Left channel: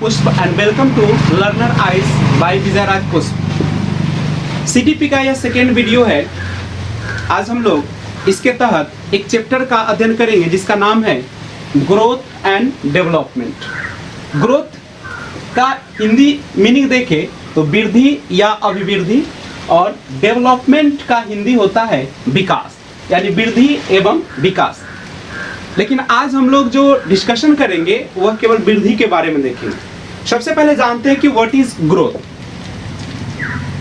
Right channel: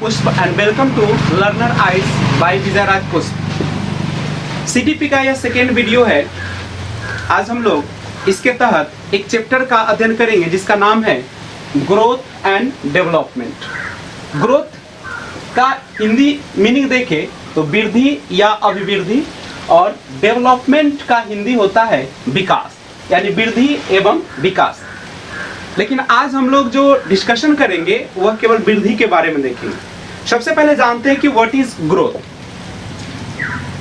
पुष्प and welcome to learner eyes by Vijayraj Pushp. CTP का यह सेकेंड वीडियो है। आज हम लोग इसके तहत एक चैप्टर का अध्ययन करेंगे जिसका नाम है ग्रोथ एंड डेवलपमेंट। ग्रोथ का हिंदी मीनिंग देखें तो वृद्धि या अभिवृद्धि, और डेवलपमेंट का हिंदी होता है विकास, यानी वृद्धि एवं विकास। लेकिन आज हम लोग जो डिस्कशन करेंगे वह केवल वृद्धि के बारे में देखेंगे। सबसे पहले जानते हैं कि what is growth.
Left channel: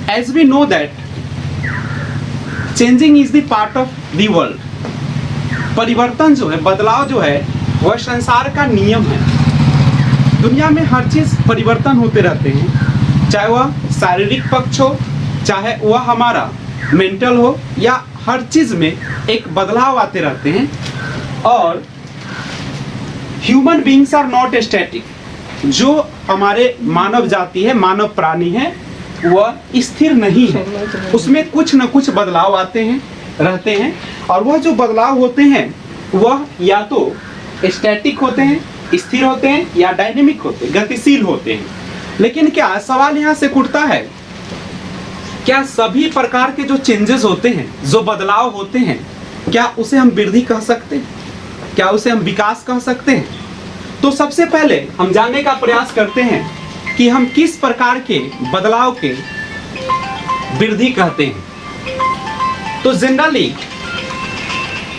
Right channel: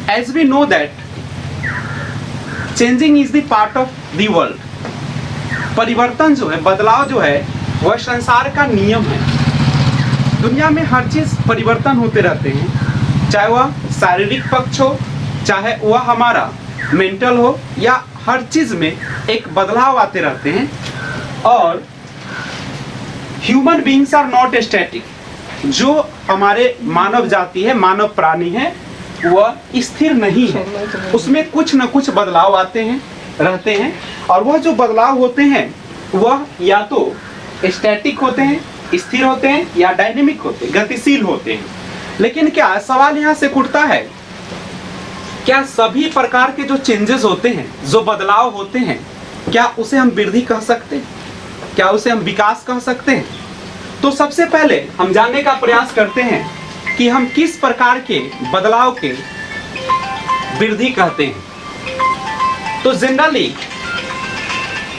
As we know that changing is the part of the world. परिवर्तन जो है, बदलाव जो है, वह संसार का नियम है। दुनिया में हर चीज परिवर्तन होते रहते हैं, चाहे वह शारीरिक पक्ष हो, चाहे वह हमारा मेंटल हो, या हर चीज में एक बदलाव आते रहते हैं। और human beings are not static. जो हमारे मानव जाति है, मानव प्राणी है, वह स्थिर नहीं है, उसमें कुछ न कुछ बदलाव आते हैं, रहते हैं। और वह जो बदलाव होते हैं वह या तो स्टैटिक होते हैं, स्थिर होते हैं, या डायनेमिक होते हैं, गतिशील होते हैं। लेकिन क्या सवाल यहाँ से उठता है, क्या सभी प्रकार के जो चेंजेस होते हैं, जो बदलाव होते हैं, क्या उसे हम वृद्धि कह सकते हैं? क्या उसे हम विकास कह सकते हैं? तो सबसे पहले हम जानने का प्रयास करते हैं कि हम किस प्रकार के बदलाव के वृद्धि कहते हैं। तो जनरली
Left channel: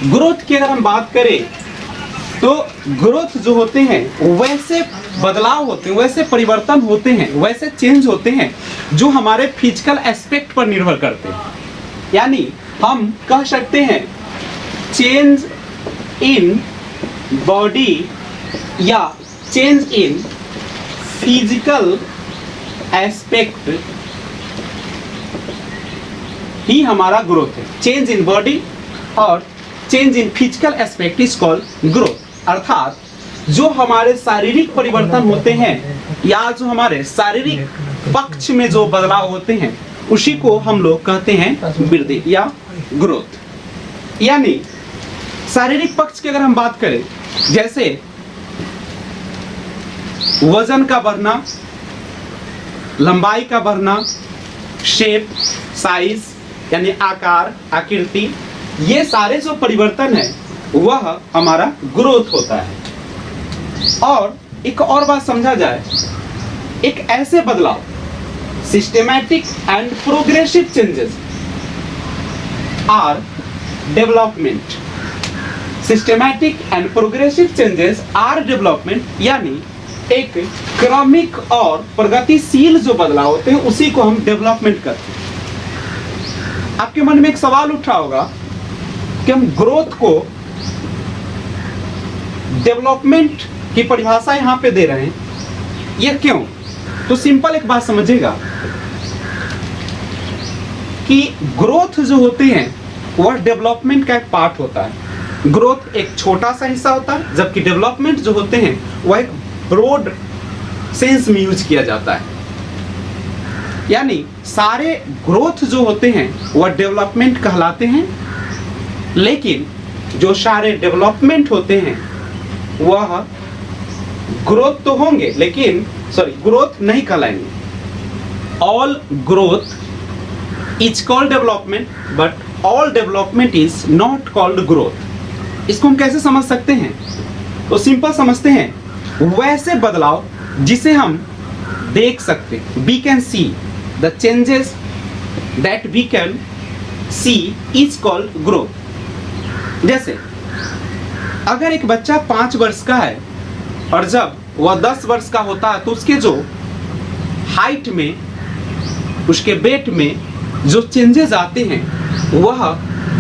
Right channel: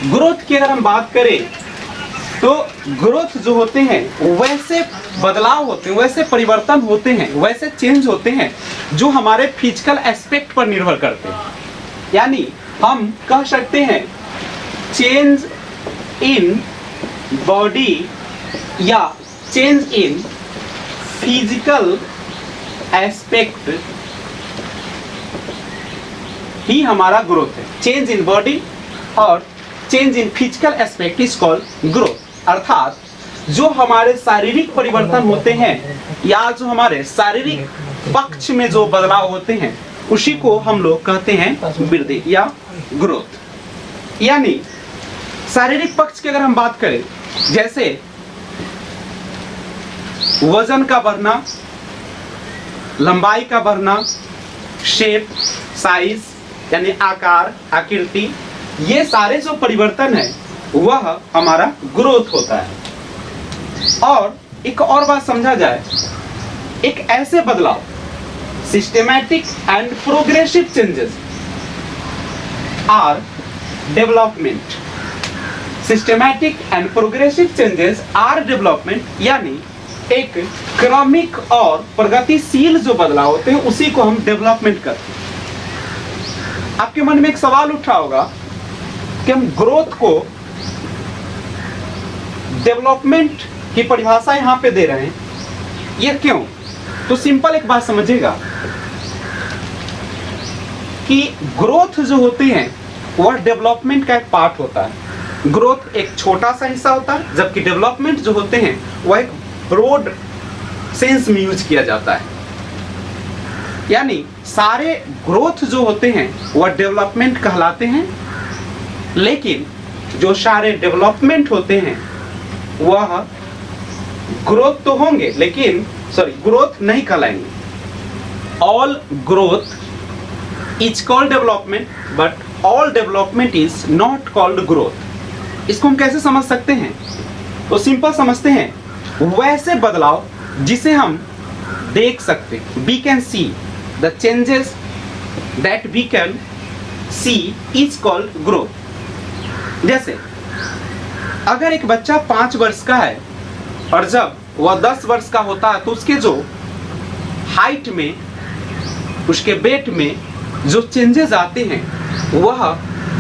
ग्रोथ की अगर हम बात करें तो ग्रोथ जो होते हैं वैसे बदलाव होते हैं, वैसे परिवर्तन होते हैं, वैसे चेंज होते हैं जो हमारे फिजिकल एस्पेक्ट पर निर्भर करते हैं। यानी हम कह सकते हैं चेंज इन बॉडी या चेंज इन फिजिकल एस्पेक्ट ही हमारा ग्रोथ है। चेंज इन बॉडी और change in physical aspect is called growth. अर्थात जो हमारे शारीरिक परिवर्तन होते हैं या जो हमारे शारीरिक पक्ष में जो बदलाव होते हैं उसी को हम लोग कहते हैं वृद्धि या ग्रोथ। यानी शारीरिक पक्ष की अगर हम बात करें, जैसे वजन का बढ़ना, लंबाई का बढ़ना, शेप, साइज यानी आकार, आकृति, ये सारे जो परिवर्तन है वह हमारा ग्रोथ होता है। और एक और बात समझा जाए, एक ऐसे बदलाव, systematic and progressive changes are development. Systematic and progressive changes are development, यानी एक क्रमिक और प्रगतिशील जो बदलाव होते हैं उसी को हम डेवलपमेंट करते हैं। आपके मन में एक सवाल उठा होगा कि हम ग्रोथ को डेवलपमेंट की परिभाषा यहां पे दे रहे हैं, यह क्यों? तो सिंपल एक बात समझिएगा कि ग्रोथ जो होते हैं वह डेवलपमेंट का एक पार्ट होता है। ग्रोथ एक छोटा सा हिस्सा होता है, जबकि डेवलपमेंट जो होते हैं वह एक ब्रॉड सेंस में यूज किया जाता है। यानी सारे ग्रोथ जो होते हैं वह डेवलपमेंट कहलाते हैं, लेकिन जो सारे डेवलपमेंट होते हैं वह ग्रोथ तो होंगे लेकिन ग्रोथ नहीं कहलाएंगे। All growth is called development, but all development is not called growth. इसको हम कैसे समझ सकते हैं? तो सिंपल समझते हैं, वैसे बदलाव जिसे हम देख सकते, we can see the changes that we can see is called growth. जैसे अगर एक बच्चा 5 वर्ष का है और जब वह 10 वर्ष का होता है तो उसके जो हाइट में, उसके वेट में जो चेंजेस आते हैं वह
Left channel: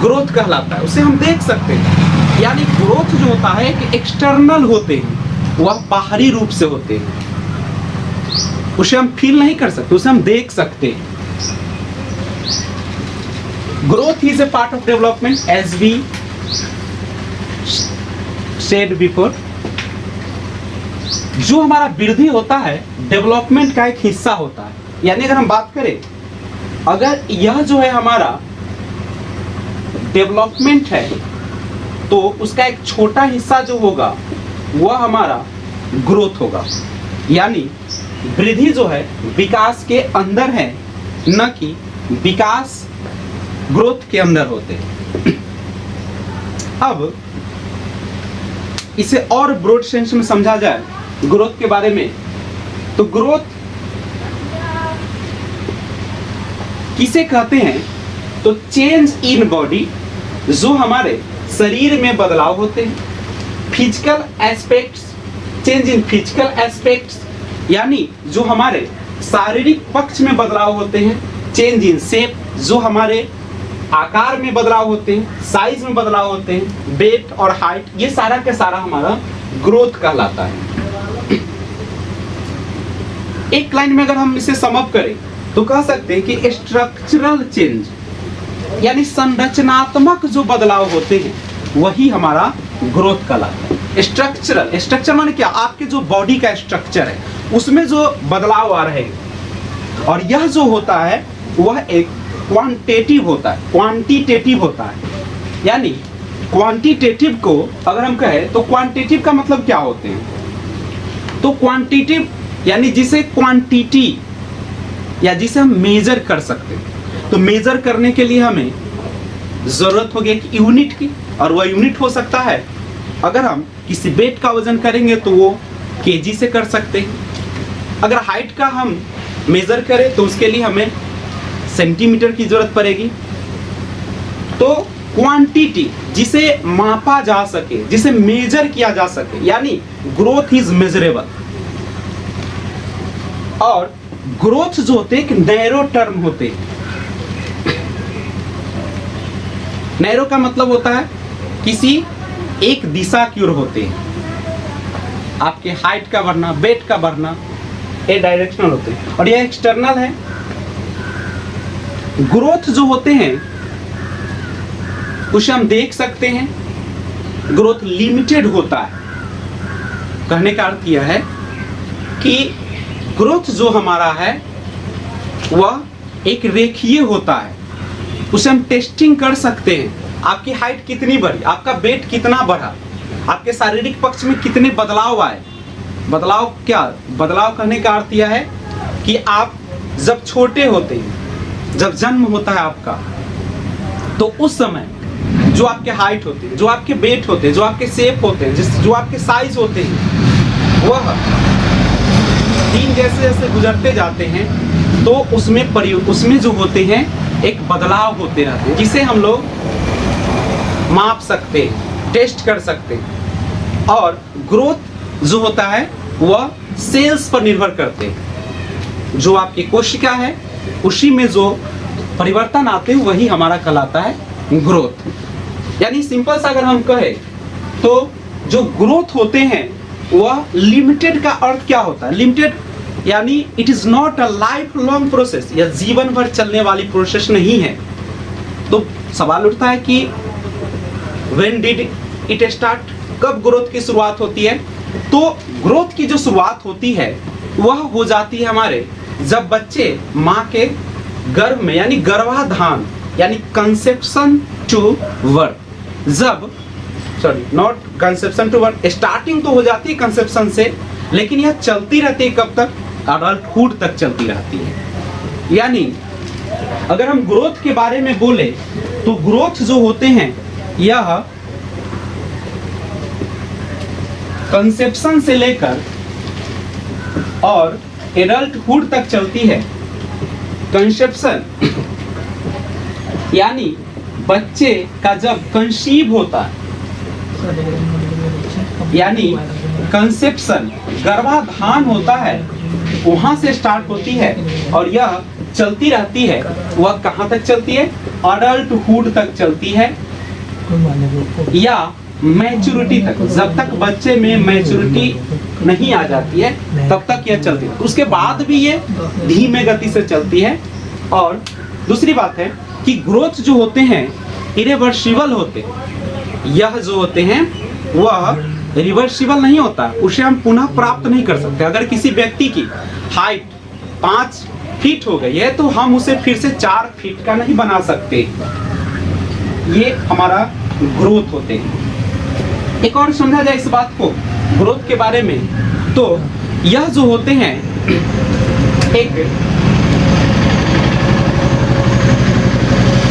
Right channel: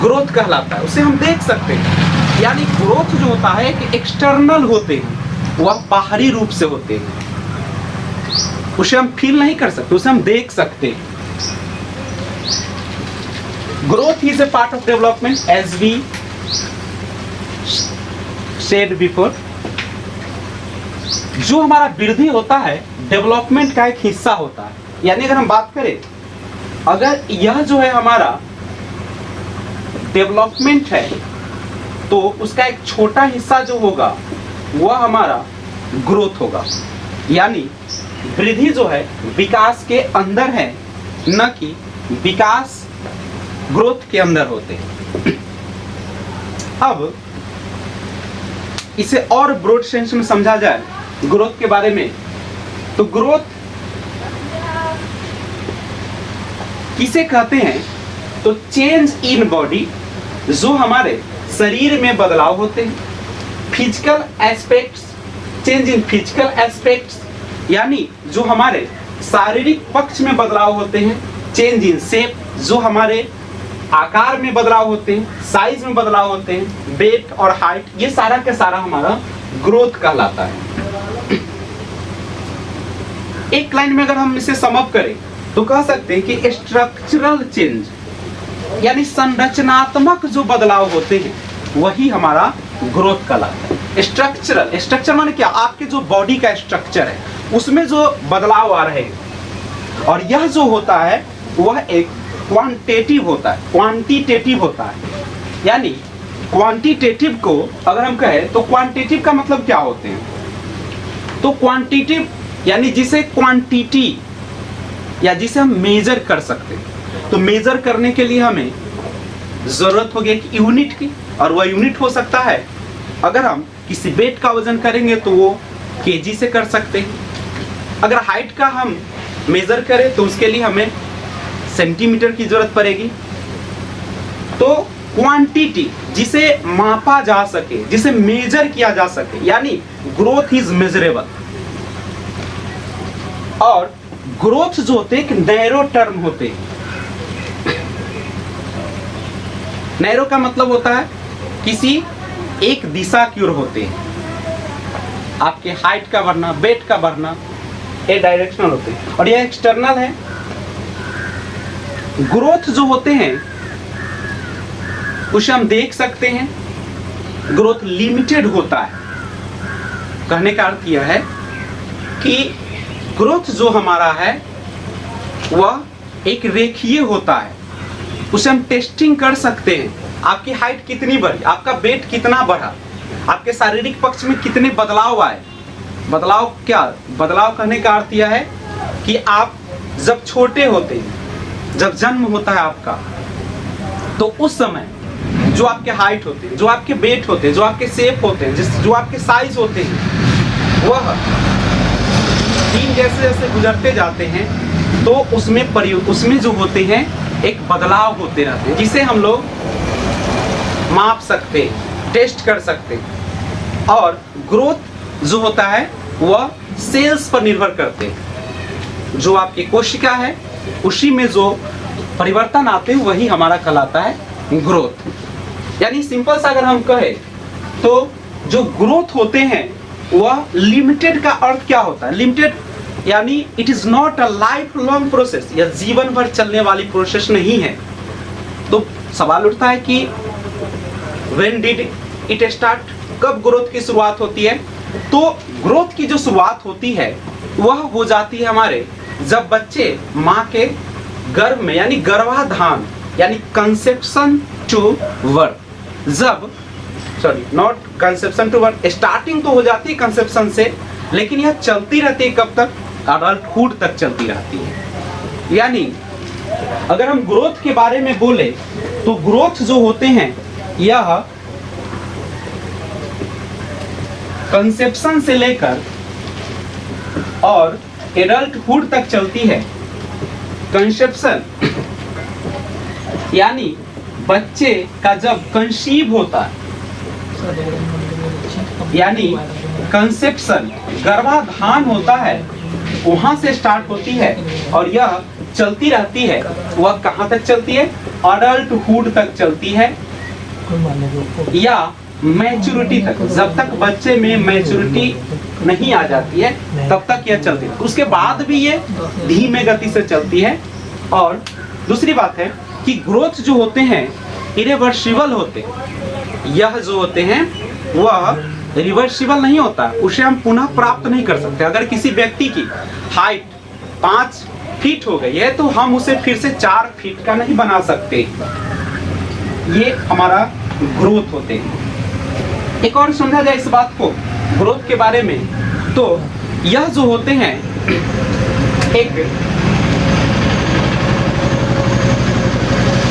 ग्रोथ कहलाता है, उसे हम देख सकते हैं। यानी ग्रोथ जो होता है कि एक्सटर्नल होते हैं, वह बाहरी रूप से होते हैं, उसे हम फील नहीं कर सकते, उसे हम देख सकते हैं। Growth is a part of development as we said before. जो हमारा वृद्धि होता है डेवलपमेंट का एक हिस्सा होता है। यानी अगर हम बात करें, अगर यह जो है हमारा डेवलपमेंट है तो उसका एक छोटा हिस्सा जो होगा वह हमारा ग्रोथ होगा। यानी वृद्धि जो है विकास के अंदर है, न कि विकास ग्रोथ के अंदर होते हैं। अब इसे और ब्रॉड सेंस में समझा जाए ग्रोथ के बारे में, तो ग्रोथ किसे कहते हैं? तो चेंज इन बॉडी, जो हमारे शरीर में बदलाव होते हैं, physical aspects, change in physical aspects, यानी जो हमारे शारीरिक पक्ष में बदलाव होते हैं, चेंज इन शेप, जो हमारे आकार में बदलाव होते हैं, साइज में बदलाव होते हैं, वेट और हाइट, ये सारा का सारा हमारा ग्रोथ कहलाता है। एक लाइन में अगर हम इसे सम अप करें तो कह सकते हैं कि स्ट्रक्चरल चेंज, यानी संरचनात्मक जो बदलाव होते हैं वही हमारा ग्रोथ कहलाता है। स्ट्रक्चरल, स्ट्रक्चर माने क्या? आपके जो बॉडी का स्ट्रक्चर है उसमें जो बदलाव आ रहे हैं, और यह जो होता है वह एक क्वांटिटेटिव होता है, क्वांटिटेटिव होता है। यानी क्वांटिटेटिव को अगर हम कहें तो क्वांटिटेटिव का मतलब क्या होते हैं? तो क्वांटिटेटिव यानी जिसे क्वांटिटी या जिसे हम मेजर कर सकते हैं। तो मेजर करने के लिए हमें जरूरत होगी एक यूनिट की, और वह यूनिट हो सकता है, अगर हम किसी वेट का वजन करेंगे तो वो केजी से कर सकते हैं। अगर हाइट का हम मेजर करें तो उसके लिए हमें सेंटीमीटर की जरूरत पड़ेगी। तो क्वांटिटी जिसे मापा जा सके, जिसे मेजर किया जा सके, यानी ग्रोथ इज मेजरेबल। और ग्रोथ जो होते हैं एक नैरो टर्म होते हैं। नैरो का मतलब होता है किसी एक दिशा की ओर होते हैं। आपके हाइट का बढ़ना, वेट का बढ़ना, ये डायरेक्शनल होते हैं, और यह एक्सटर्नल है। ग्रोथ जो होते हैं उसे हम देख सकते हैं, ग्रोथ लिमिटेड होता है। कहने का अर्थ यह है कि ग्रोथ जो हमारा है वह एक रेखीय होता है, उसे हम टेस्टिंग कर सकते हैं। आपकी हाइट कितनी बढ़ी, आपका वेट कितना बढ़ा, आपके शारीरिक पक्ष में कितने बदलाव आए। बदलाव क्या? बदलाव कहने का अर्थ यह है कि आप जब छोटे होते हैं, जब जन्म होता है आपका, तो उस समय जो आपके हाइट होते हैं, जो आपके वेट होते हैं, जो आपके शेप होते हैं, जो आपके साइज होते हैं, वह दिन जैसे जैसे गुजरते जाते हैं तो उसमें जो होते हैं एक बदलाव होते रहते हैं, जिसे हम लोग माप सकते हैं, टेस्ट कर सकते हैं। और ग्रोथ जो होता है वह सेल्स पर निर्भर करते हैं। जो आपकी कोशिका है उसी में जो परिवर्तन आते हैं वही हमारा कहलाता है ग्रोथ। यानी सिंपल सा अगर हम कहें तो जो ग्रोथ होते हैं वह लिमिटेड का अर्थ क्या होता है? लिमिटेड यानी it is not a life long process, यह जीवन भर चलने वाली प्रोसेस नहीं है। तो सवाल उठता है कि व्हेन डिड इट स्टार्ट, कब ग्रोथ की शुरुआत होती है? तो ग्रोथ की जो शुरुआत होती है वह हो जाती है हमारे जब बच्चे माँ के गर्भ में, यानी गर्भाधान, यानी कंसेप्शन टू बर्थ, जब not conception to birth, starting तो हो जाती है कंसेप्शन से, लेकिन यह चलती रहती है कब तक? अडल्टहुड तक चलती रहती है। यानी अगर हम ग्रोथ के बारे में बोले तो ग्रोथ जो होते हैं यह कंसेप्शन से लेकर और एडल्टहुड तक चलती है। कंसेप्शन यानी बच्चे का जब कंसीव होता है, यानी कंसेप्शन गर्भाधान होता है, वहां से स्टार्ट होती है और यह चलती रहती है। वह कहां तक चलती है? अडल्टहुड तक चलती है, या मैच्योरिटी तक। जब तक बच्चे में मैच्योरिटी नहीं आ जाती है तब तक यह चलती है। उसके बाद भी ये धीमे गति से चलती है। और दूसरी बात है कि ग्रोथ जो होते हैं इरिवर्सिबल होते हैं। यह जो होते हैं वह रिवर्सिबल नहीं होता, उसे हम पुनः प्राप्त नहीं कर सकते। अगर किसी व्यक्ति की हाइट 5 फीट हो गई है तो हम उसे फिर से 4 फीट का नहीं बना सकते। ये हमारा ग्रोथ होते हैं। एक और समझा जाए इस बात को ग्रोथ के बारे में, तो यह जो होते हैं एक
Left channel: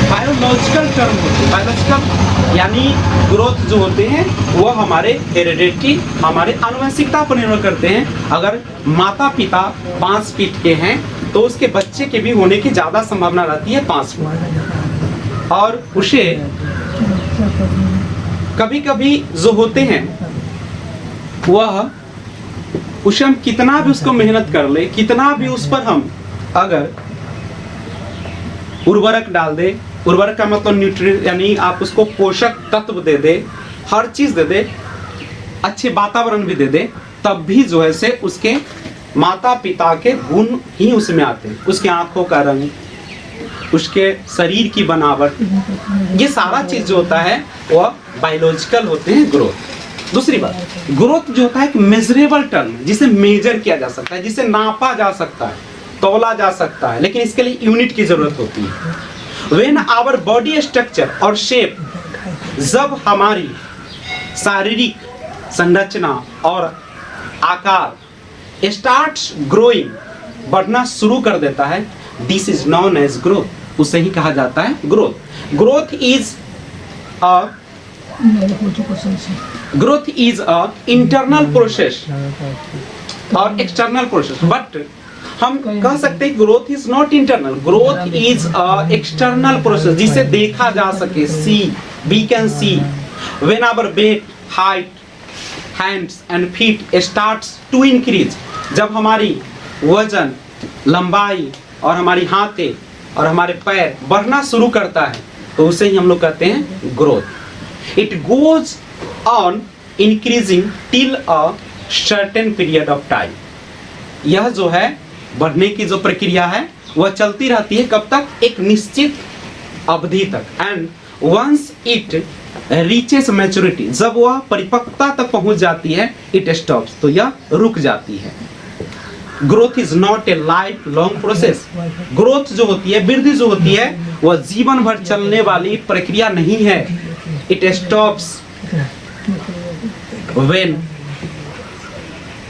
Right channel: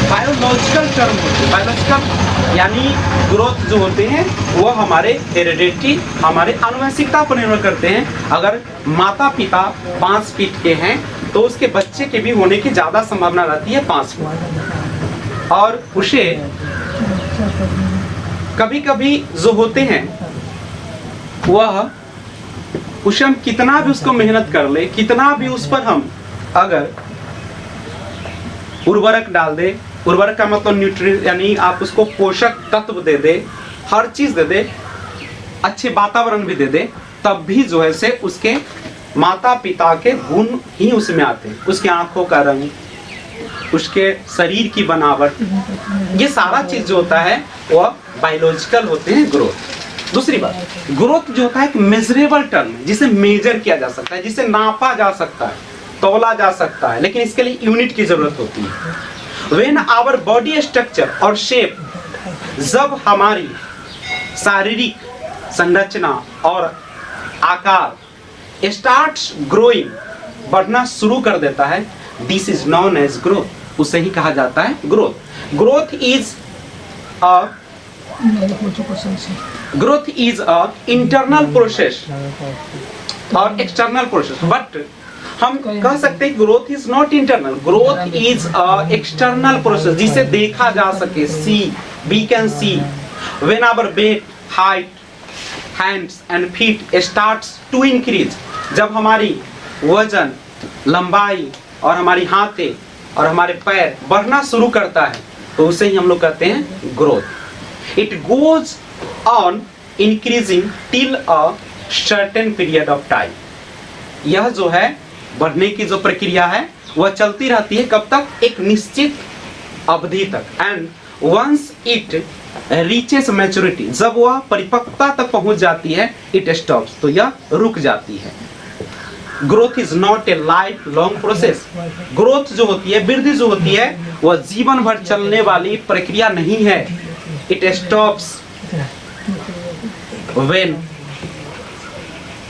बायोलॉजिकल टर्म होते हैं। बायोलॉजिकल यानी ग्रोथ जो होते हैं वो हमारे हेरिडिटी, हमारे आनुवंशिकता पर निर्भर करते हैं। अगर माता पिता 5 फीट के हैं तो उसके बच्चे के भी होने की ज्यादा संभावना रहती है 5 फीट। और उसे कभी कभी जो होते हैं वह उसे हम कितना भी उसको मेहनत कर ले, कितना भी उस पर हम अगर उर्वरक डाल दे, उर्वरक का मतलब न्यूट्रिएंट यानी आप उसको पोषक तत्व दे दे, हर चीज दे दे, अच्छे वातावरण भी दे दे, तब भी जो है से उसके माता पिता के गुण ही उसमें आते हैं। उसके आंखों का रंग, उसके शरीर की बनावट, ये सारा चीज जो होता है वह बायोलॉजिकल होते हैं ग्रोथ। दूसरी बात, ग्रोथ जो होता है एक मेजरेबल टर्म है, जिसे मेजर किया जा सकता है, जिसे नापा जा सकता है, तौला जा सकता है, लेकिन इसके लिए यूनिट की जरूरत होती है। व्हेन आवर बॉडी स्ट्रक्चर और शेप, जब हमारी शारीरिक संरचना और आकार स्टार्ट्स ग्रोइंग, बढ़ना शुरू कर देता है, this is known as growth, उसे ही कहा जाता है growth. Growth is a internal process और एक्सटर्नल प्रोसेस, बट हम कह सकते हैं growth is not internal, growth is a external process, जिसे देखा जा सके, see, we can see. When our weight, height, hands and feet starts to increase, जब हमारी वजन, लंबाई और हमारी हाथें और हमारे पैर बढ़ना शुरू करता है, तो उसे ही हम लोग कहते हैं growth. It goes on increasing till a certain period of time, यह जो है बढ़ने की जो प्रक्रिया है वह चलती रहती है, कब तक? एक निश्चित अवधि तक। And once it reaches maturity, जब वह परिपक्वता तक पहुंच जाती है, इट स्टॉप्स, तो यह रुक जाती है। Growth is not a life long process, growth जो होती है, वृद्धि जो होती है, वह जीवन भर चलने वाली प्रक्रिया नहीं है। It stops when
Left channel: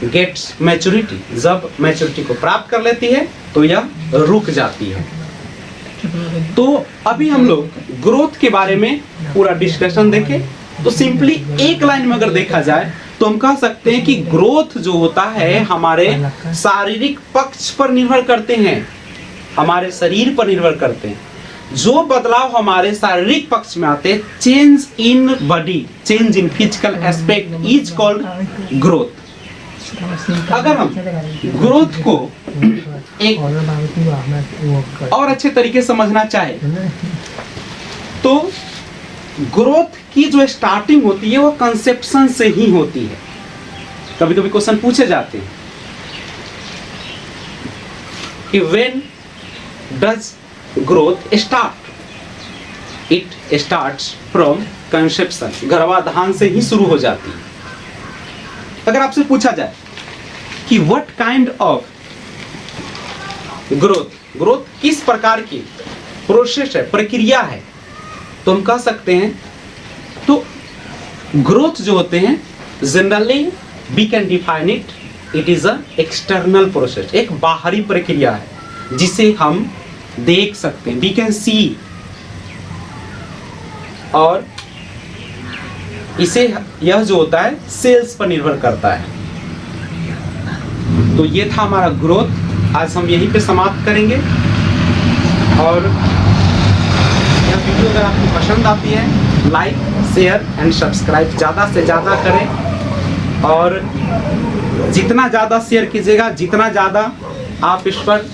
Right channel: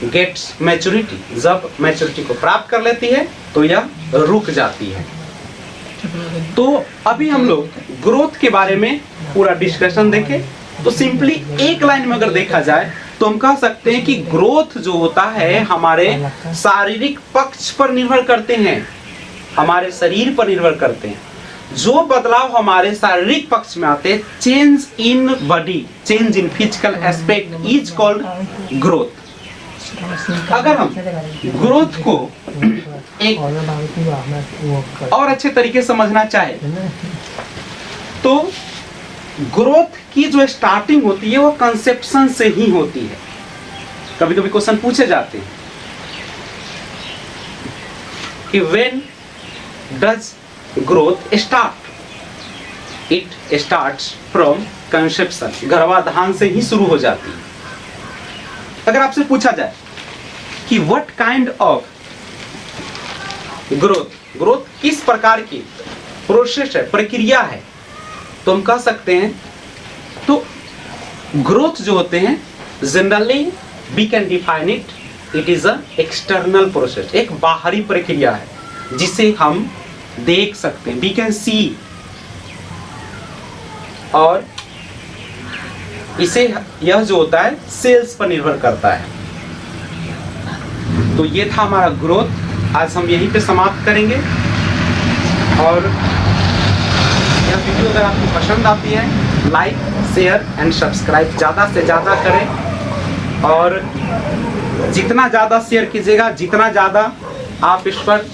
gets maturity, जब मैच्योरिटी को प्राप्त कर लेती है तो यह रुक जाती है। तो अभी हम लोग ग्रोथ के बारे में पूरा डिस्कशन देखें, तो सिंपली एक लाइन में अगर देखा जाए तो हम कह सकते हैं कि ग्रोथ जो होता है हमारे शारीरिक पक्ष पर निर्भर करते हैं, हमारे शरीर पर निर्भर करते हैं। जो बदलाव हमारे शारीरिक पक्ष में आते हैं, change in body, change in physical aspect is called growth. अगर हम ग्रोथ को एक और अच्छे तरीके से समझना चाहे तो ग्रोथ की जो स्टार्टिंग होती है वो कंसेप्शन से ही होती है। कभी कभी क्वेश्चन पूछे जाते हैं कि when does growth start? It starts from conception, गर्भाधान से ही शुरू हो जाती है। अगर आपसे पूछा जाए कि what kind of growth, growth किस प्रकार की प्रोसेस है, प्रक्रिया है, तो हम कह सकते हैं तो ग्रोथ जो होते हैं generally we can define it, it is a external process, एक बाहरी प्रक्रिया है जिसे हम देख सकते हैं, वी कैन सी, और इसे यह जो होता है सेल्स पर निर्भर करता है। तो ये था हमारा ग्रोथ, आज हम यहीं पे समाप्त करेंगे। और यह वीडियो अगर आपको पसंद आती है, लाइक, शेयर एंड सब्सक्राइब ज़्यादा से ज़्यादा करें, और जितना ज़्यादा शेयर कीजिएगा, जितना ज़्यादा आप इस पर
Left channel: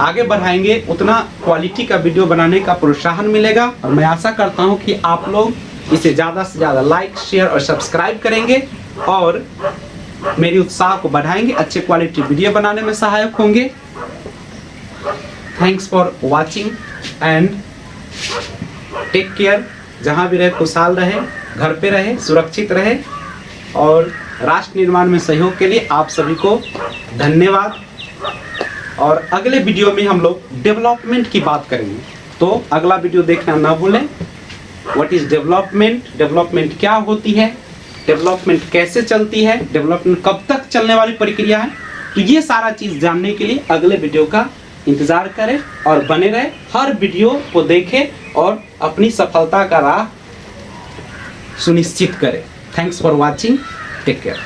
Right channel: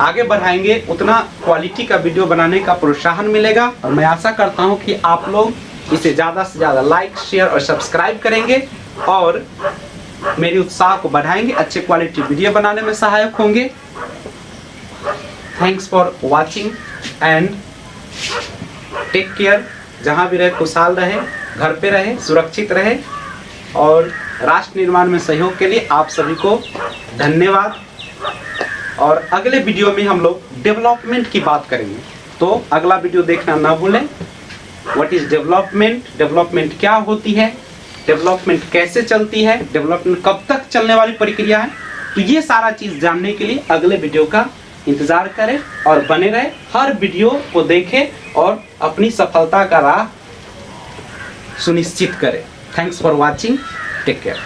आगे बढ़ाएंगे, उतना क्वालिटी का वीडियो बनाने का प्रोत्साहन मिलेगा। और मैं आशा करता हूं कि आप लोग इसे ज़्यादा से ज़्यादा लाइक, शेयर और सब्सक्राइब करेंगे और मेरी उत्साह को बढ़ाएंगे, अच्छे क्वालिटी वीडियो बनाने में सहायक होंगे। Thanks for watching and take care. जहाँ भी रहे खुशहाल रहे, घर पे रहे, सुरक्षित रहे, और राष्ट्र निर्माण में सहयोग के लिए आप सभी को धन्यवाद। और अगले वीडियो में हम लोग डेवलपमेंट की बात करेंगे, तो अगला वीडियो देखना ना भूलें। व्हाट इज डेवलपमेंट, डेवलपमेंट क्या होती है, डेवलपमेंट कैसे चलती है, डेवलपमेंट कब तक चलने वाली प्रक्रिया है। तो ये सारा चीज जानने के लिए अगले वीडियो का इंतजार करें और बने रहे, हर वीडियो को देखें और अपनी सफलता का राह सुनिश्चित करें। Thanks for watching, take care.